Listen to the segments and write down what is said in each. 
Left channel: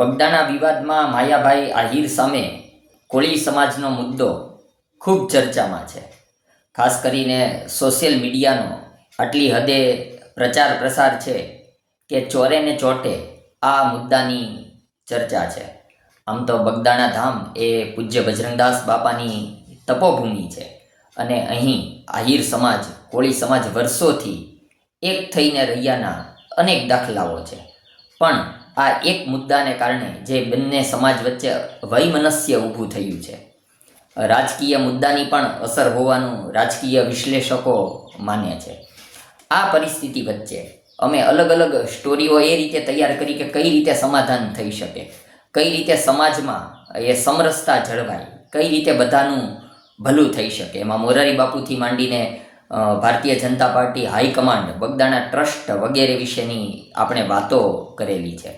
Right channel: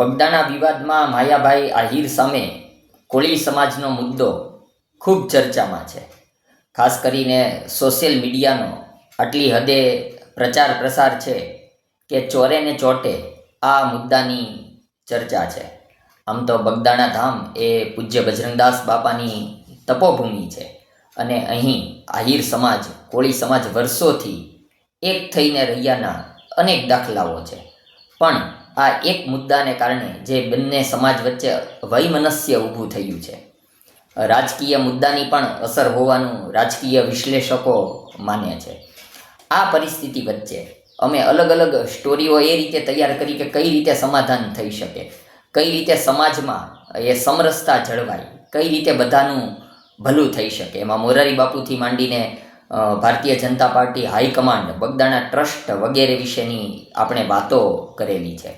બગદાણા વિવાદમાં માયાભાઈ આહિર સામે કોળી સમાજનો મુદ્દો ખૂબ ચર્ચામાં છે. ખાસ કરીને સોશિયલ મીડિયાનો આટલી હદે પ્રચાર પ્રસાર છે કે ચોરે ને ચોટે આ મુદ્દાની ચર્ચા છે. આમ તો બગદાણા ધામ એ પૂજ્ય બજરંગદાસ બાપાની તપોભૂમિ છે અને અહીં આહિર સમાજ, કોળી સમાજ વર્ષોથી એક થઈને રહ્યાના અનેક દાખલાઓ છે. પણ આ એક મુદ્દાને કારણે જે બંને સમાજ વચ્ચે વૈમનસ્ય ઊભું થયું છે. રાજકીય મુદ્દાની પણ અસર હોવાનું રાજકીય વિશ્લેષકો માને છે. આ પરિસ્થિતિ વચ્ચે અમે અલગ અલગ સ્ટોરીઓ એ રીતે તૈયાર કરી કે કઈ રીતે સમાધાન થઈ શકે, કઈ રીતે સમાજમાં એ સમરસતા જળવાય, કઈ રીતે બધાનું ભલું થઈ શકે. એમાં મોરારી બાપુથી માંડીને Bharatiya Janata party high command, Bagdana trust વગેરે વિશેની આપણે વાતો કરેલી છે.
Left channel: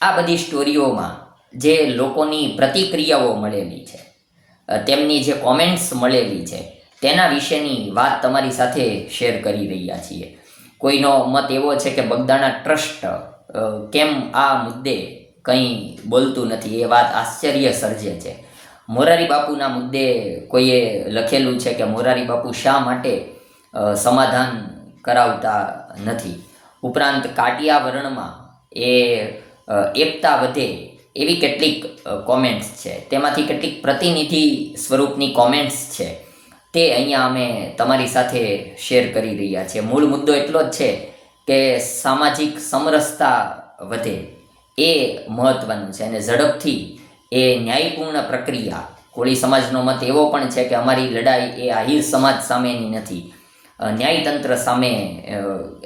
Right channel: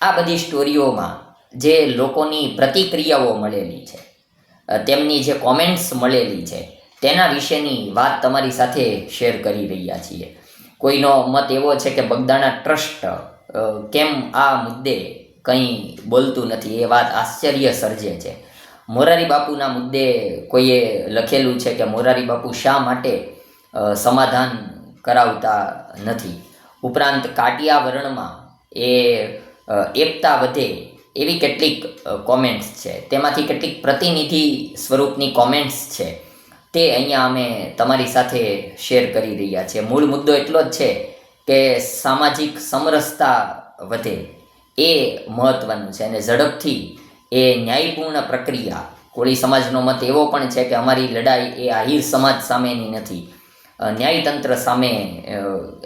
આ બધી સ્ટોરીઓમાં જે લોકોની પ્રતિક્રિયાઓ મળેલી છે તેમની જે કોમેન્ટ્સ મળેલી છે, તેના વિશેની વાત તમારી સાથે શેર કરી રહ્યા છીએ. કોઈનો મત એવો છે કે બગદાણા ટ્રસ્ટ કેમ આ મુદ્દે કંઈ બોલતું નથી, એ વાત આશ્ચર્ય સર્જે છે. મોરારી બાપુના મુદ્દે કોઈએ લખેલું છે કે મોરારી બાપુ શા માટે સમાધાન કરાવતા નથી? ઉપરાંત કાટિયા વર્ણમાં એ એકતા વધે એવી કેટલીક કોમેન્ટ્સ છે. તેમાંથી કેટલીક પ્રતિનિધિ સ્વરૂપની કોમેન્ટ્સ છે. તે અહીંયા અમે તમારી સાથે શેર કરી રહ્યા છીએ. મૂળ મુદ્દો એટલો જ છે કે સામાજિક સમરસતા વધે એ મહત્ત્વનું છે અને ઝડપથી એ ન્યાયપૂર્ણ પ્રક્રિયા, કોળી સમાજનો મત એવો પણ છે કે અમારી લડાઈ એ આહિર સમાજ સામેની નથી. ન્યાયતંત્ર સામે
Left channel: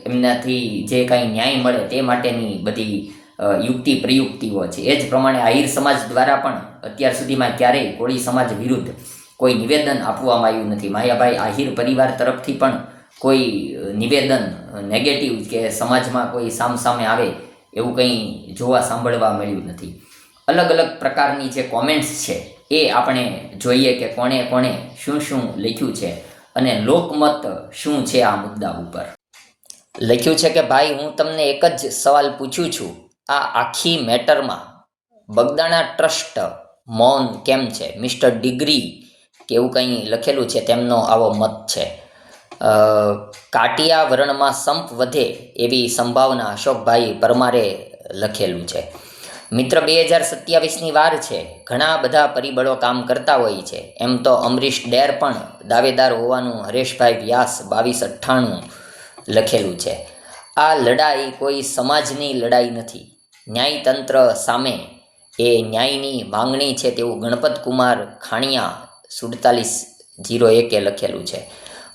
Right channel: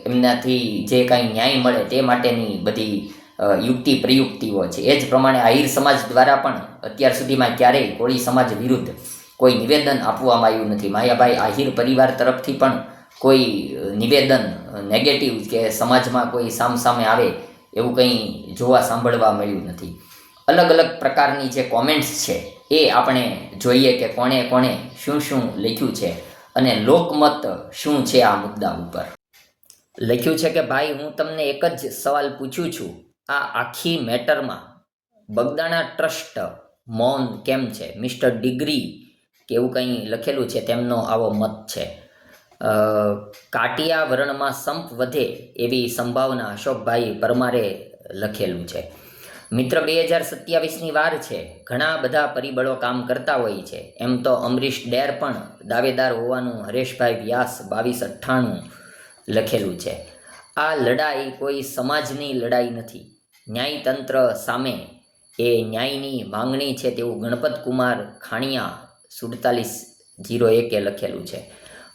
એમનાથી જે કાંઈ ન્યાય મળે તે માટેની બધી યુક્તિ પ્રયુક્તિઓ છે. એ જ પ્રમાણે આહિર સમાજ દ્વારા પણ અત્યાર સુધીમાં ક્યારેય કોળી સમાજ વિરુદ્ધ કોઈ નિવેદન આપવામાં આવ્યું નથી. માયાભાઈ આહિર પરિવાર તરફથી પણ કોઈ નિવેદન નેગેટિવ કે સમાજમાં કોઈ સામસામે આવે એવું કંઈ જોવા સાંભળવા મળ્યું નથી. અલગ અલગ પ્રકારની જે કોમેન્ટ્સ છે એ આપણે જોઈએ કે કોણે કોણે શું શું લખ્યું છે અને લોકમત શું છે આ મુદ્દા ઉપર. લખ્યું છે કે ભાઈ, હું તમને એક જ સવાલ પૂછું છું. આ આખી મેટરમાં બગદાણા ટ્રસ્ટ મૌન કેમ છે? મિસ્ટર ડિગ્રી કે એવું કંઈ લખેલું છે? તેમનો આવો મત છે. કાટિયા વર્ણમાં સંપ વધે એવી સંભાવના અશોકભાઈ પરમારે લખેલું છે. મિત્ર, બે હજાર સત્યાવીસની વાર છે. ઘણા બધા પરિબળો કામ કરતા હોય છે. એમ તો અમરીશ ડેર પણ દાવેદાર હોવાનું હરેશભાઈ વ્યાસ બાવીસ અઠ્ઠાણું લખેલું છે. આ લડાઈ કોઈ સમાજની લડાઈ નથી. ન્યાયતંત્ર સામે એ ન્યાયની માંગણી છે તેવું ગણપત કુમાર ખાણિયા સુડતાલીસ જીરો એકે લખેલું છે.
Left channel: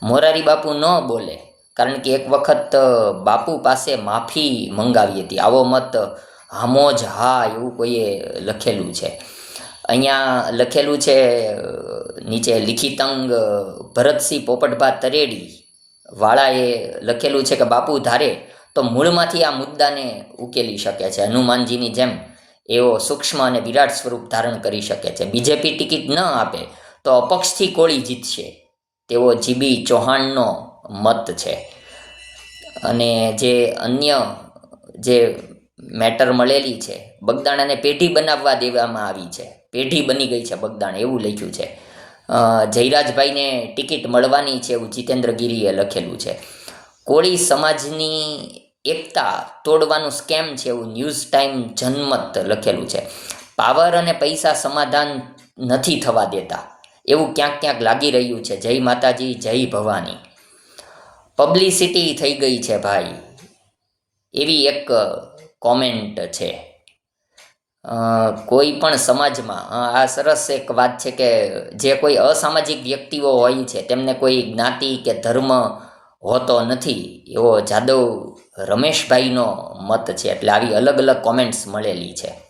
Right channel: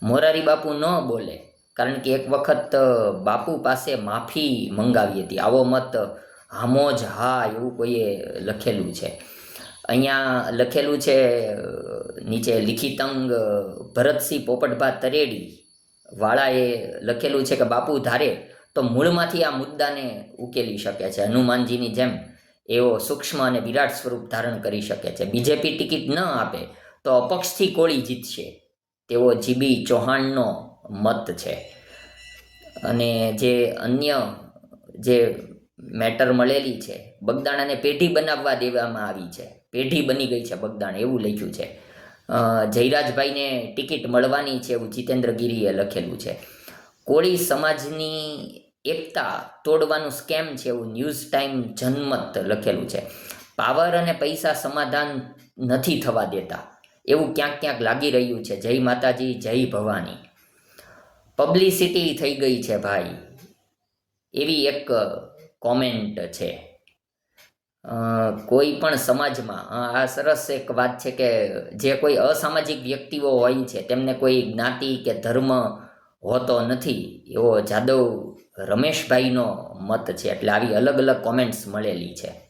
મોરારી બાપુ ન બોલે, કારણ કે એક વખત બાપુ પાસે માફી મંગાવી હતી. આવો મત હામોજ હા એવું કોઈએ લખેલું છે. અહીંયા લખેલું છે નીચે લિખિતંગ ભરતસિંહ પોપટભા તરેડી વાળાએ લખેલું છે કે, બાપુ, ધારે તો મૂળમાંથી આ મુદ્દાને ઉકેલી શકે છે. હનુમાનજીની જેમ એવો સૂક્ષ્મ અને વિરાટ સ્વરૂપ ધારણ કરી શકે છે. બીજેપી ટિકિટ ન આપે તો અપક્ષથી કોળી જીતશે. તેવો જીબી ચૌહાણનો મત છે. અને જે અન્ય જે મેટર મળેલી છે, બગદાણાને પેઢી બનાવવા દેવામાં આવી છે. પેઢી બની ગઈ છે બગદાણ, એવું લખ્યું છે. જયરાજભાઈને ટિકિટ મળવાની છે એવું જીતેન્દ્ર ગીરીએ લખેલું છે. કોળી સમાજની એકતા તોડવાનું સ્કેમ છે એવું ન્યૂઝ ટાઈમ જનમત લખેલું છે. પાવર અને પૈસા સમાધાન નથી થવા દેતા. એવું ક્યાંક ક્યાંક લાગી રહ્યું છે. જય માતાજી, જય ભવાની. પબ્લિસિટી થઈ ગઈ છે ભાઈ. એવી એક કોમેન્ટ છે. કોઈ પણ સમાજમાં આ સરસ એક વાત છે કે જે કોઈ અસામાજિક વ્યક્તિઓ હોય છે, તેમને કોઈ જ્ઞાતિ કે ધર્મ હોતો નથી, એવો જાદવ રમેશભાઈનો મત છે. એટલે આવી અલગ અલગ કોમેન્ટ્સ મળેલી છે.